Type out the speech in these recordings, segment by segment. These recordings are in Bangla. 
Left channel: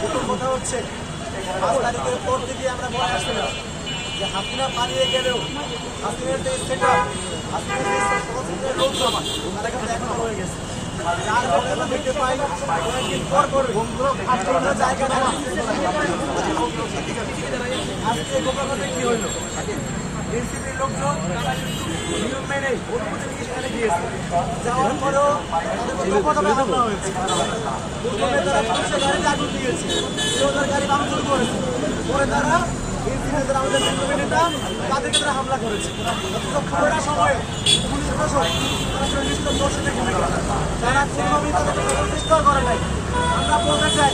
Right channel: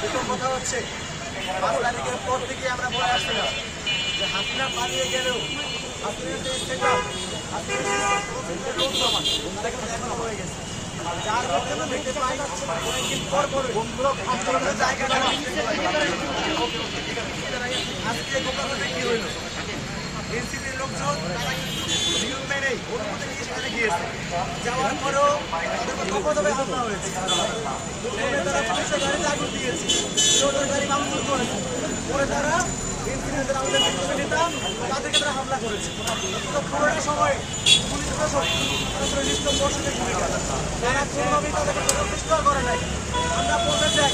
প্রথম কথা হচ্ছে 5 তারিখের পর থেকে আমরা বলে আসছিলাম যে হাসিনা পালিয়ে গেলেও হাসিনার যে সেটআপ, হাসিনার যে সহযোগিতার লোকজন তারা কিন্তু এখনো রয়ে গেছে। যার ফলে আমরা দেখতে পাই কয়েকদিন পর পর বিভিন্ন জায়গায় আজকে গোপালগঞ্জে কি হইল, এনসিপির লোকজন তারা কিন্তু নিয়ম মেনে অনুমতি নিয়ে সেখানে গিয়েছে। যাওয়ার পরেও তাদের উপর দফা হামলা হয়েছে। প্রথমে তারা পুলিশের গাড়িতে আগুন দিয়েছে, ওদের গাড়ি ভাঙচুর করেছে। পরে তারা এনসিপির যারা আমাদের বিপ্লবী নেতা তাদেরকে তারা হামলা করেছে। পুরোটা সময়ে পুলিশ প্রশাসন তারা নিষ্ঠুর দর্শনের ভূমিকা, তারা কোনোভাবেই তাদেরকে প্রতিষ্ঠা করে নাই। আমরা বলতে চাই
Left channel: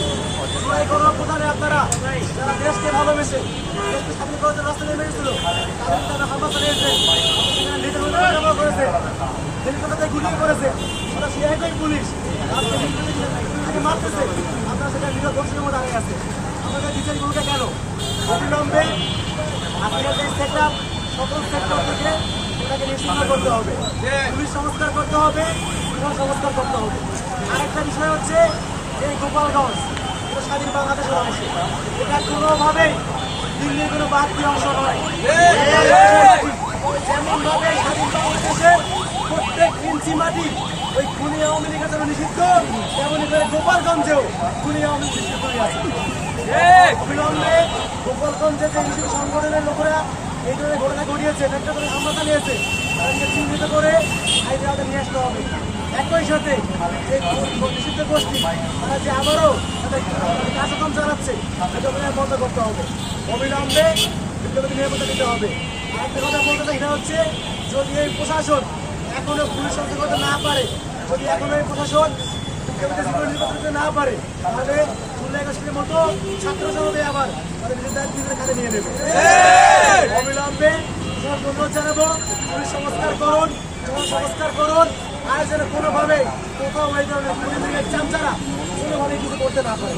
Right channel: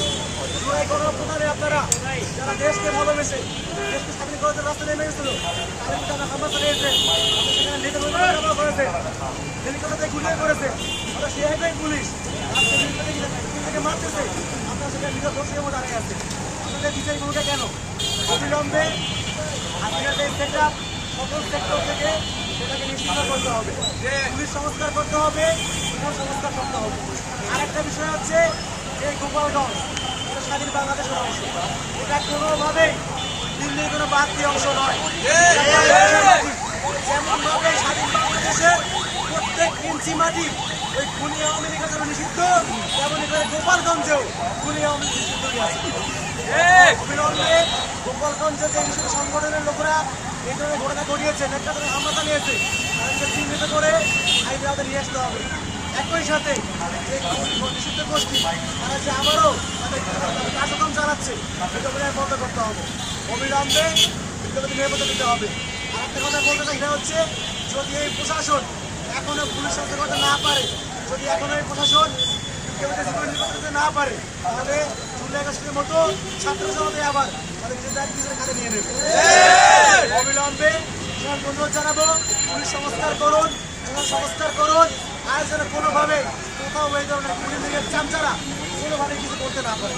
এই গণপ্রধানে আপনারা যারা দেশকে ভালোবেসে দেশকে স্বাধীন করার জন্য রাস্তা নেমে গেছিল তাদেরকে তারা হামলা চালিয়েছে, সেখানে নিজের ব্যবহার করেছে, হেলিকপ্টারে গুলিয়ে করেছে। ওরা সে একই পুলিশ আজকে থেকে মারতেছে, আপনারা সেখানে নিজের দোষের মধ্যে দাঁড়িয়ে আছে। আমাদের বিচারিক ভূমিকা কেন? অবিলম্বে হাসিনার যে সেটআপ সকল সেক্টর থেকে সেটাকে নিশ্চিন্ন করতে হবে, পুলিশ সংস্কার করতে হবে, সংস্কার করতে হবে। আরেকটা বিষয় হচ্ছে যে গোপালগঞ্জ এটা স্বাধীন বাংলাদেশের অংশ, এটা কোনোভাবেই দিল্লির কোনো বাড়তি অংশ নয়। যেমন ভাবে স্বাধীন বাংলাদেশের প্রত্যেক ইঞ্চি মাটি ওই খুনি আওয়ামী লীগের জন্য নিষিদ্ধ, তেমনি করে গোপালগঞ্জেও খুনি আওয়ামী লীগ নিষিদ্ধ হয়ে আছে। অবিলম্বে গোপালগঞ্জে যে নিষিদ্ধ সংগঠনের লোকেরা এই ধরনের ঘটনা ঘটিয়েছে, একটা ধরে হামলা চালিয়েছে, তাদেরকে চিহ্নিত করে আইনের আওতায় নিয়ে আসতে হবে। একই সাথে এই নিষিদ্ধ গোষ্ঠী তারা যে আবারও তাদের কার্যক্রম চালাচ্ছে এটা বন্ধ করতে হবে। অবিলম্বে বিপ্লবীদের নিরাপত্তা দিতে হবে। আর একটা কথা বলতে চাই, এটা হচ্ছে যদি এই প্রশাসন এখনো পুলিশ সংস্কার করতে না পারে, যদি এখনো এই প্রশাসন বিপ্লবীদের জীবন নিরাপত্তা দিতে না পারে, তাহলে জুলাই আগস্টের মতো ছাত্র জনতা আবার তাদের নিজের দায়িত্ব নিজের কাঁধে নিয়ে নেবে। অবিলম্বে অনুরোধ জানাবো পুলিশ সংস্কার করুন, জনসংস্কার করুন, আর যেন কোনোভাবে কোথাও এই ধরনের খুনি লীগের চামচারা কোনোভাবে কিছু করতে না পারে।